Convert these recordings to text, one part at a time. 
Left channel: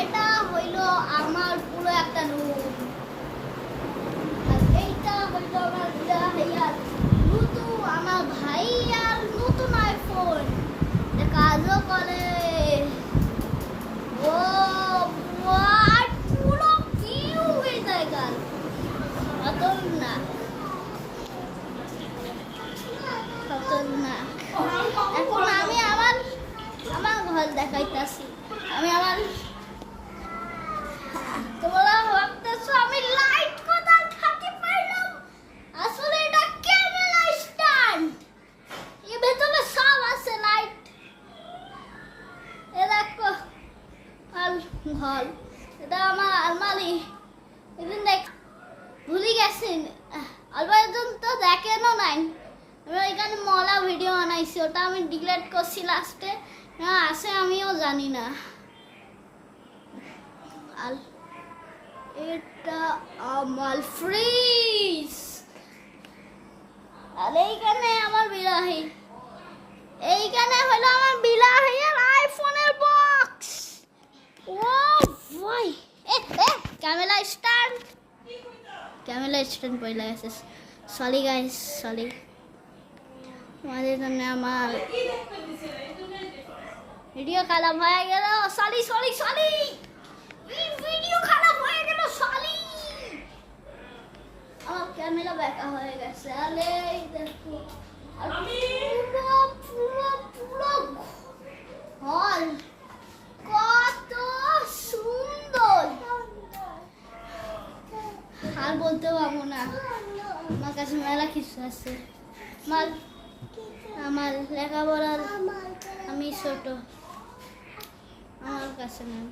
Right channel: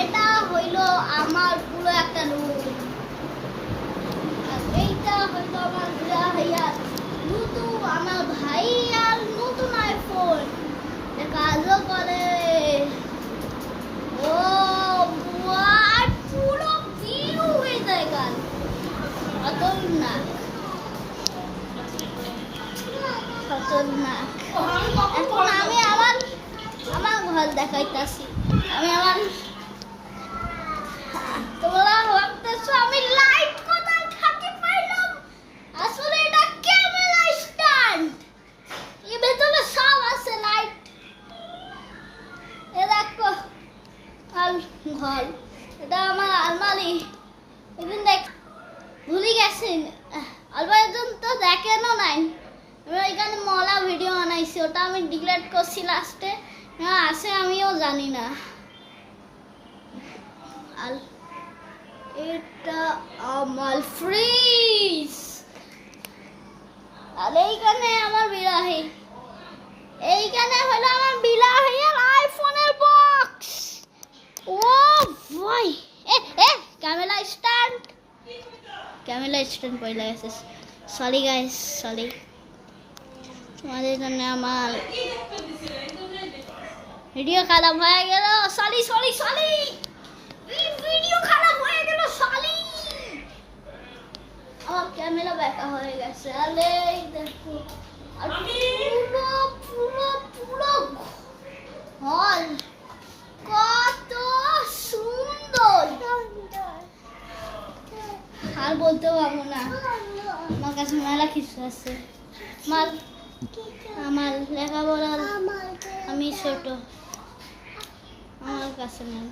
এটা হইলো আমার পুরো একটা রুম, আর এইটা হইলো আমার ভাইয়ার নতুন, আমার ভাইয়ার নতুন আইফোন, কাজও করে। ও আর পুরো ভিউ হয়ে যায় গান খতরনাক খতরনাক। এখন আমি আমার আমার ঘর দেখাইতাছি। আমি আমার, তোমরা ভাবতেছো আমি লাইট কোথায় থাকি পাইলাম, আসলে এটা ক্যামেরা স্ট্যান্ড, এর ভেতরে সব আছে লাইট। এ দেখো আর ঘর, এটা আমার আলমারি। এদিন দেখ ভুলে গেছেন, আলমারিজন তো দেখেনও নাই। আমি ওইখানে মলা ভিডিও বানাইছি, ওটা আমি ডিলিট করছি লাস্টে, আছে আমিও জানি না। আর এটা আমার ফ্রিজ, আর এইখানে আমার বিলাহি, এইখানে হলো আমার বিলাহি আর আইফোনের বক্স। ও ভাই ক্যামেরা স্ট্যান্ড, ক্যামেরা স্ট্যান্ড পড়ে গেছে। Sorry guys, sorry. তোমাদের জন্য আমার ভিডিও খারাপ হয়ে গেল, সরি সরি সরি, ভিডিও খারাপ হয়ে গেল সরি। আমার ক্যামেরা ব্যাকা হয়ে গেছে। আরে দেখো পুরো পুরো পুরো হল কত সুন্দর, আর বলতে পারবো না। আমার কাছে মেলা কিছু আছে। আমার লেখাপড়ার, আমি ছোট, আমার কাছে নেই।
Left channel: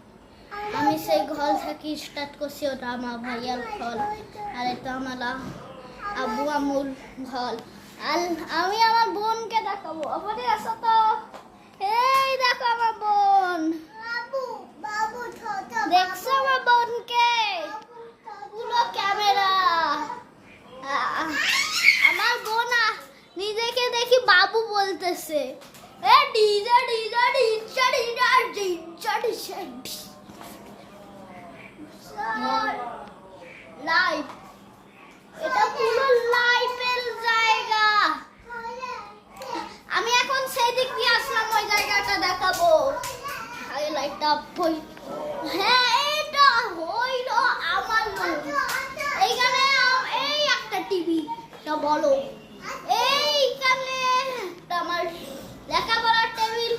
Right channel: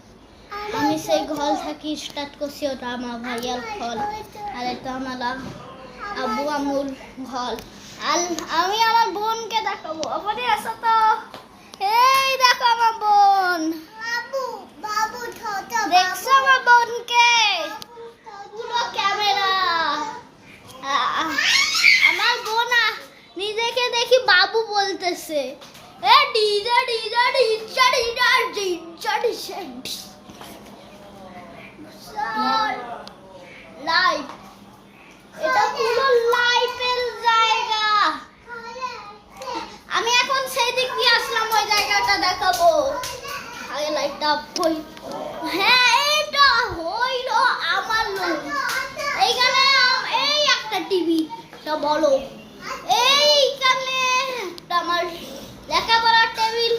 আমি সেই ঘর থাকি স্টার্ট করছি, ওটা আমার ভাইয়ার ঘর, আর এটা আমার আব্বু আম্মুর ঘর। আর আমি আমার বোনকে দেখাবো, আপনি আসো তো। এই দেখো আমার বোন, দেখছো আমার বোনকে, পুরো ক্যামেরা। আমার বোন নিজেকে দেখি বাবু বলতেছে। এ ডিজা ডিজা ডিজা ডিজা ডিজা ডিজা লাইভ, এটা পুরো লাইভের জায়গা। আমি এখন সেই দিক দিয়ে আসলাম, ওই জায়গাটা দেখাবো। আগে লাইটটা হই, হ্যাঁ এইটা হইলো আমার রুম। এইখানে এই একটা টিভি, তা বলো, এইখানে আমার লেখাপড়ার টেবিল,